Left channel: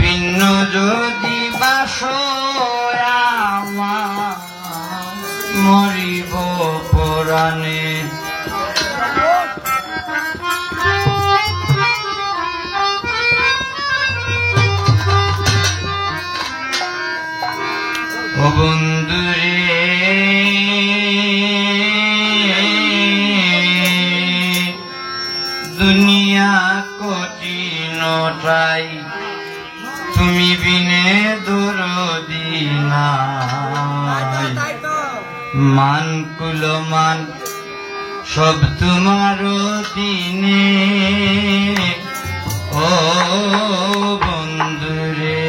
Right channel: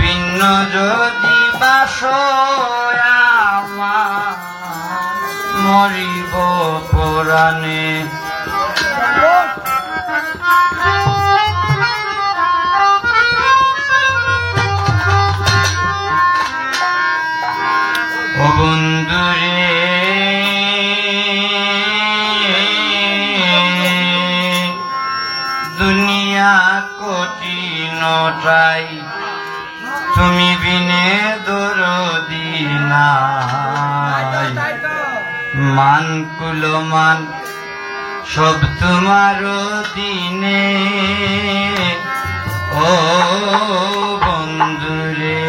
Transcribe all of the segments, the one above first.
ভিন্ন যদি বাসয় আমার মরিব পরাণে। ও বন্ধুরে দুনিয়া কঠিনটাই তুমি বিনে দরদি নাই। মান কুলমান সব তোমার দিনে ও বন্ধুরে।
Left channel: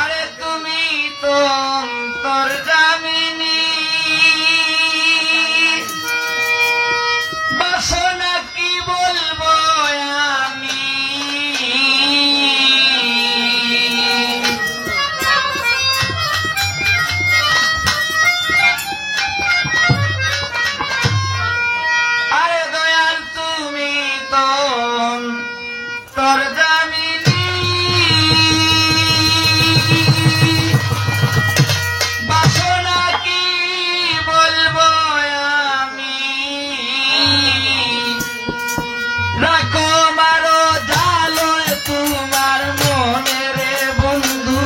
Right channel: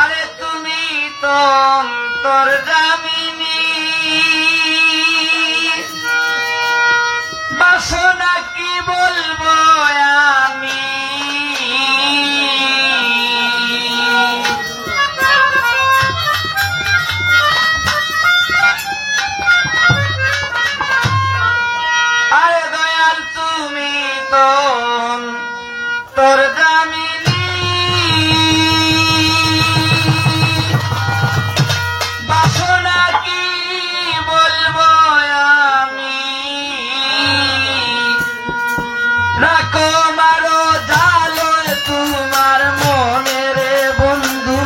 আরে তুমি তো অন্তর্যামিনী বাসনা কি বলবো আমি। আরে দয়াল তুমি তো অন্তর্যামিনী বাসনা কি বলবো আমি। রাখো মারো জালো তোমার মনের বন্ধু।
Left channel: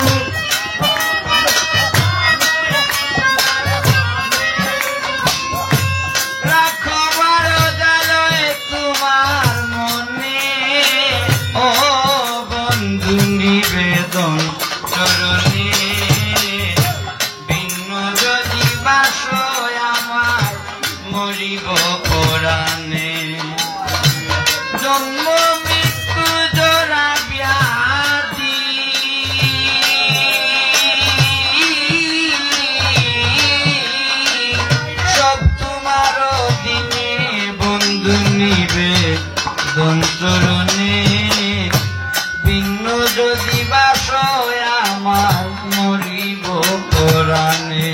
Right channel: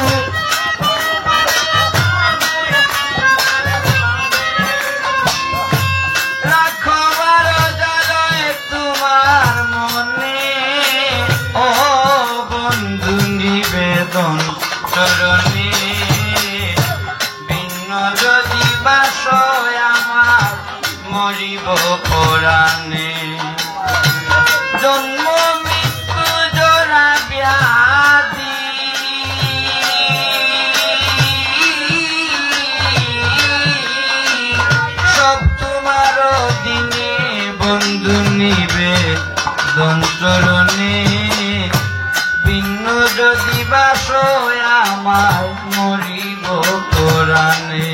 রাখো মারো জালো তোমার মনে ও বন্ধু নিবেদন চরণে। ভিন্ন যদি বাসয় আমার মরিব পরাণে। জন্ম মৃত্যু জোড়া ব্যাধি সব তোমার দিনে বন্ধু নিবে দন্তরণে। ভিন্ন যদি বাসয় আমার মরিব পরাণে।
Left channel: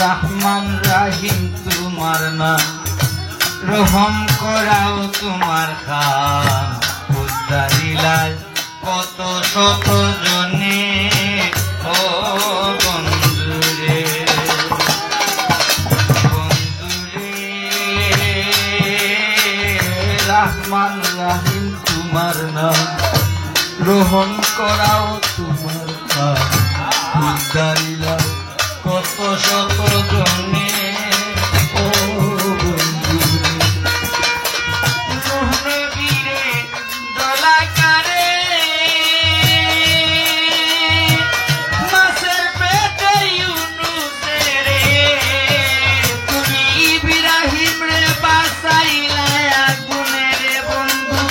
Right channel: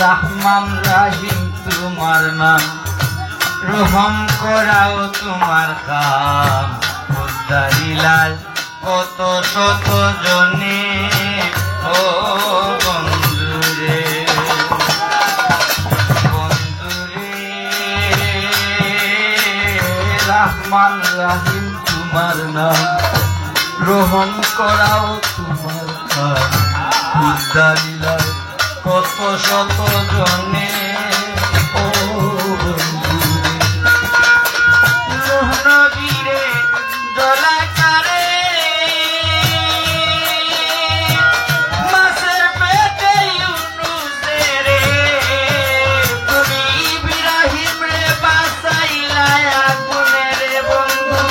রহমান রাহিম তোমার নাম রহম করাও তোমার কাম। উদ্ধারিলাল কত শত জনে ও বন্ধুরে। বন্ধুরে রহমান রাহিম তোমার নাম রহম করাও তোমার কাম। উদ্ধারিলাল কত শত জনে ও নবীরে দলাকারে মাছের পেটে ইউনুসেরে তুমি ইব্রাহিম রে বাঁচাইলা আগুনের বন্ধু।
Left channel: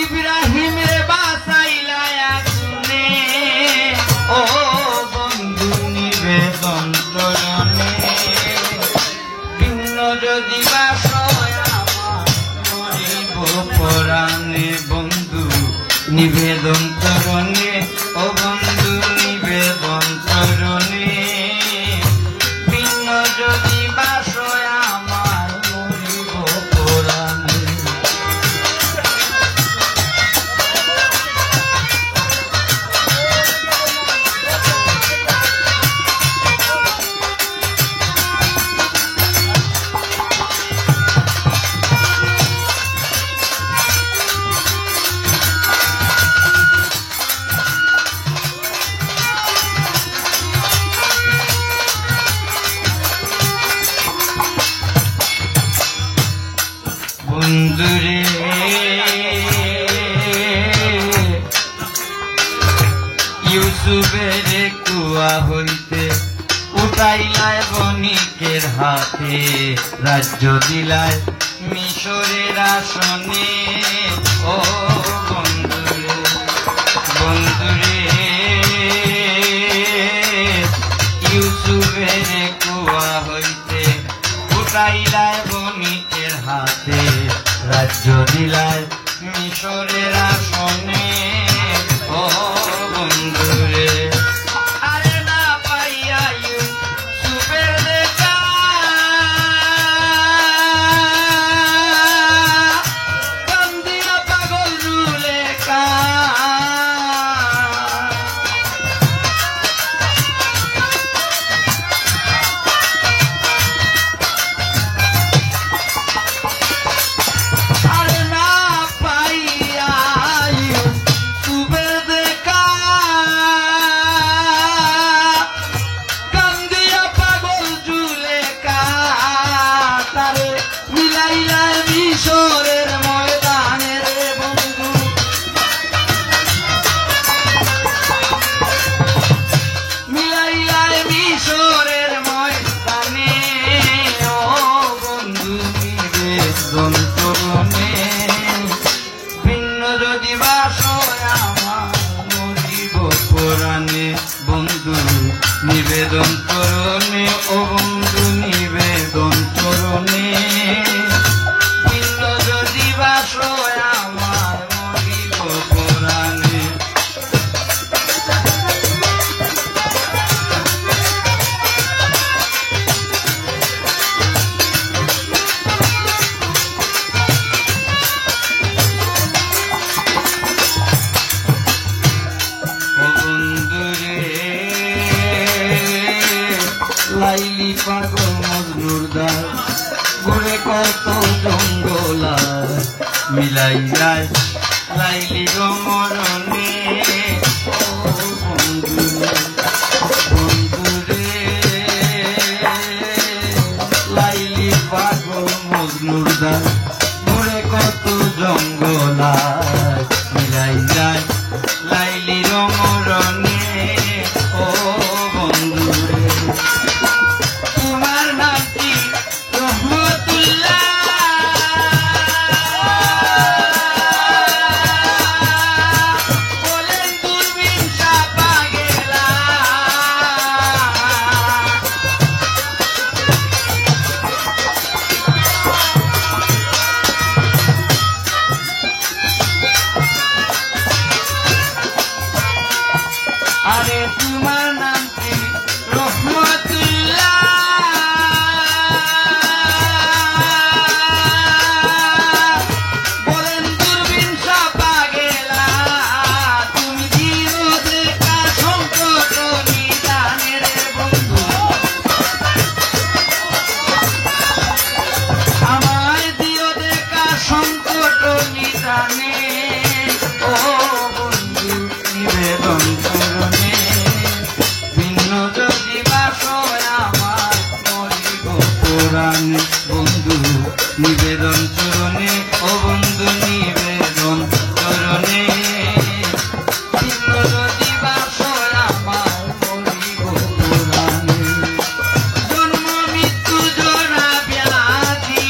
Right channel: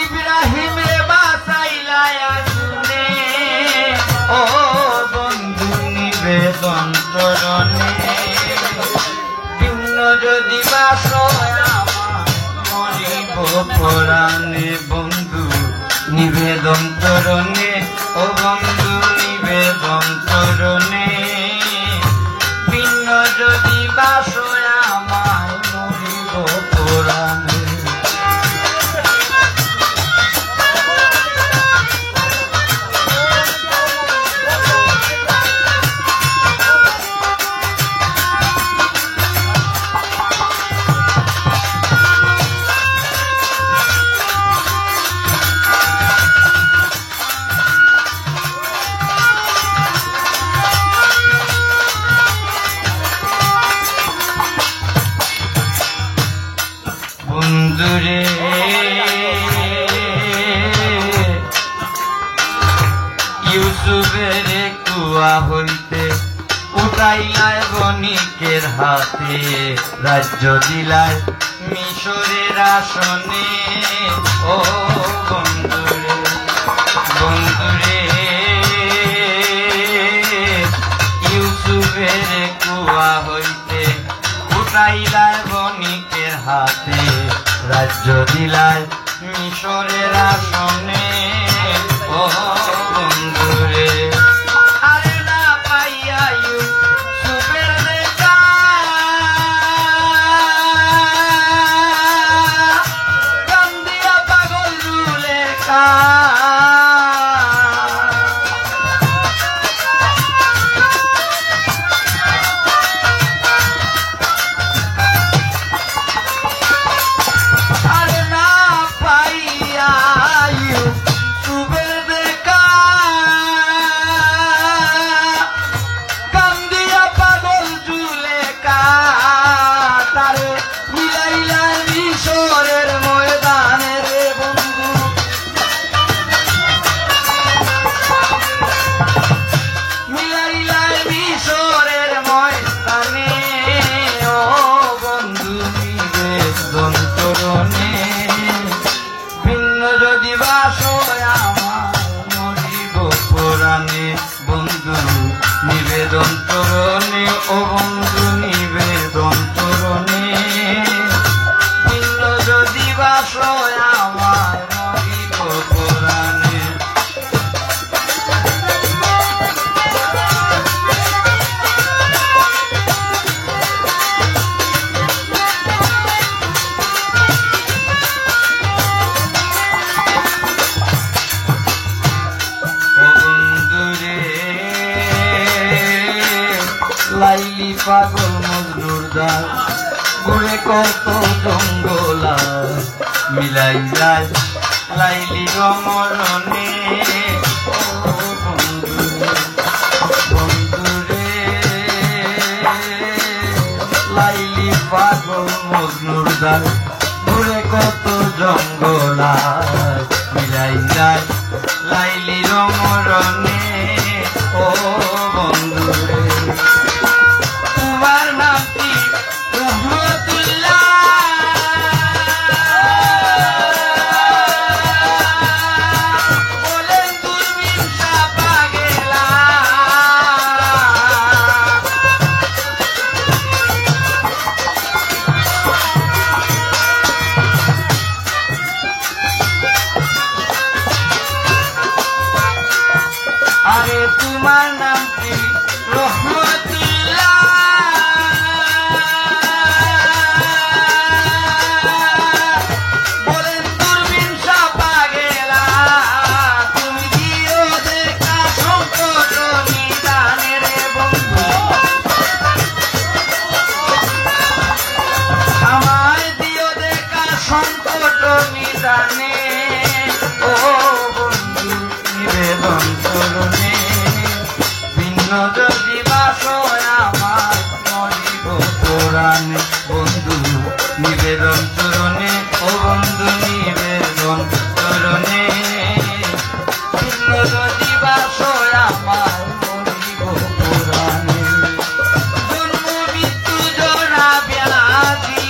ইব্রাহিম রে বাঁচাইলা আগুনে ও বন্ধু নিবেদন চরণে। ভিন্ন যদি বাসয় আমার মরিব পরাণে। বন্ধু নিবেদন চরণে ও বন্ধু নিবেদন চরণে। ভিন্ন যদি বাসয় আমার মরিব পরাণে। বন্ধুরে ইউসুফের কুয়া হইতে উঠাইলায় বণিকের হাতে রাজ্য দিলায় মিশরে মিশরের আসনে ও বন্ধুরে বন্ধুরে ইউসুফের কুয়া হইতে ফুটাইলায় বণিকের হাতে রাজ্য দিলায় মিশরের আসনে ও বন্ধুরে আরে না পাইয়া ইউসুফের দেখা কান্দিয়া পাগল জুলেখা বন্ধু নিবেদন চরণে ও বন্ধু নিবেদন চরণে ভিন্ন যদি বাস আমার মরিব পুরাণে লাইলি পাগল মজনুর দার ঘুরে কত জঙ্গলা মিলাই যায় লাইলি রমরণে বন্ধুরে লাইলি পাগল মজনুর দার ঘুরে কত জঙ্গলা মিলাই যায় লাইলি রমরণে ও বন্ধুরে তোমার নাম কি রহমতুল্লাহ বলেন দূরবীন সাপা গেলা আরে তোমার নাম কি রহমতুল্লাহ বলেন দূরবীন সাপা গেলা তুমি দিও দেখা সংকট নিদানের বন্ধু আমায় দিও দেখা সংকট নিদানে ও বন্ধু নিবেদন চরণে ভিন্ন যদি বাস আমার মরিব পুরাণে বন্ধু নিবেদন চরণে ও বন্ধু নিবেদন চরণে ভিন্ন যদি বাস আমার মরিব পুরাণে জন্ম মৃত্যু জোড়া ব্যাধি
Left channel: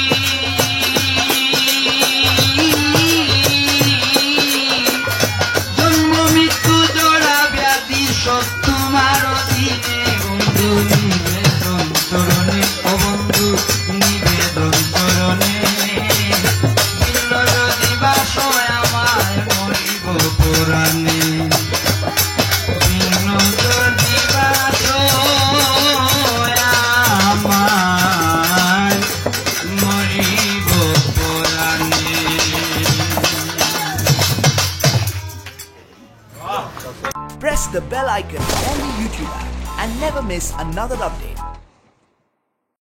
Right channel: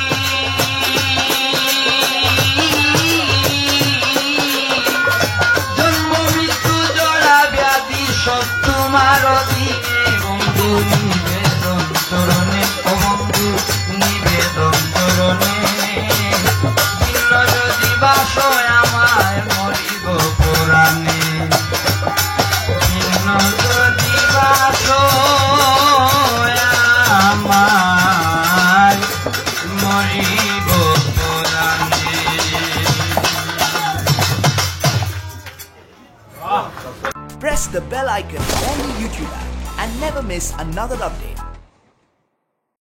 জন্ম মৃত্যু জোড়া ব্যাধি সব তোমার অধীনে বন্ধু নিবেদন চরণে ও বন্ধু নিবেদন চরণে যদি বাস আমায় মরিব পুরাণে যদি বাস আমায় মরিব পুরাণে Press the bell icon on the YouTube app and never miss another update.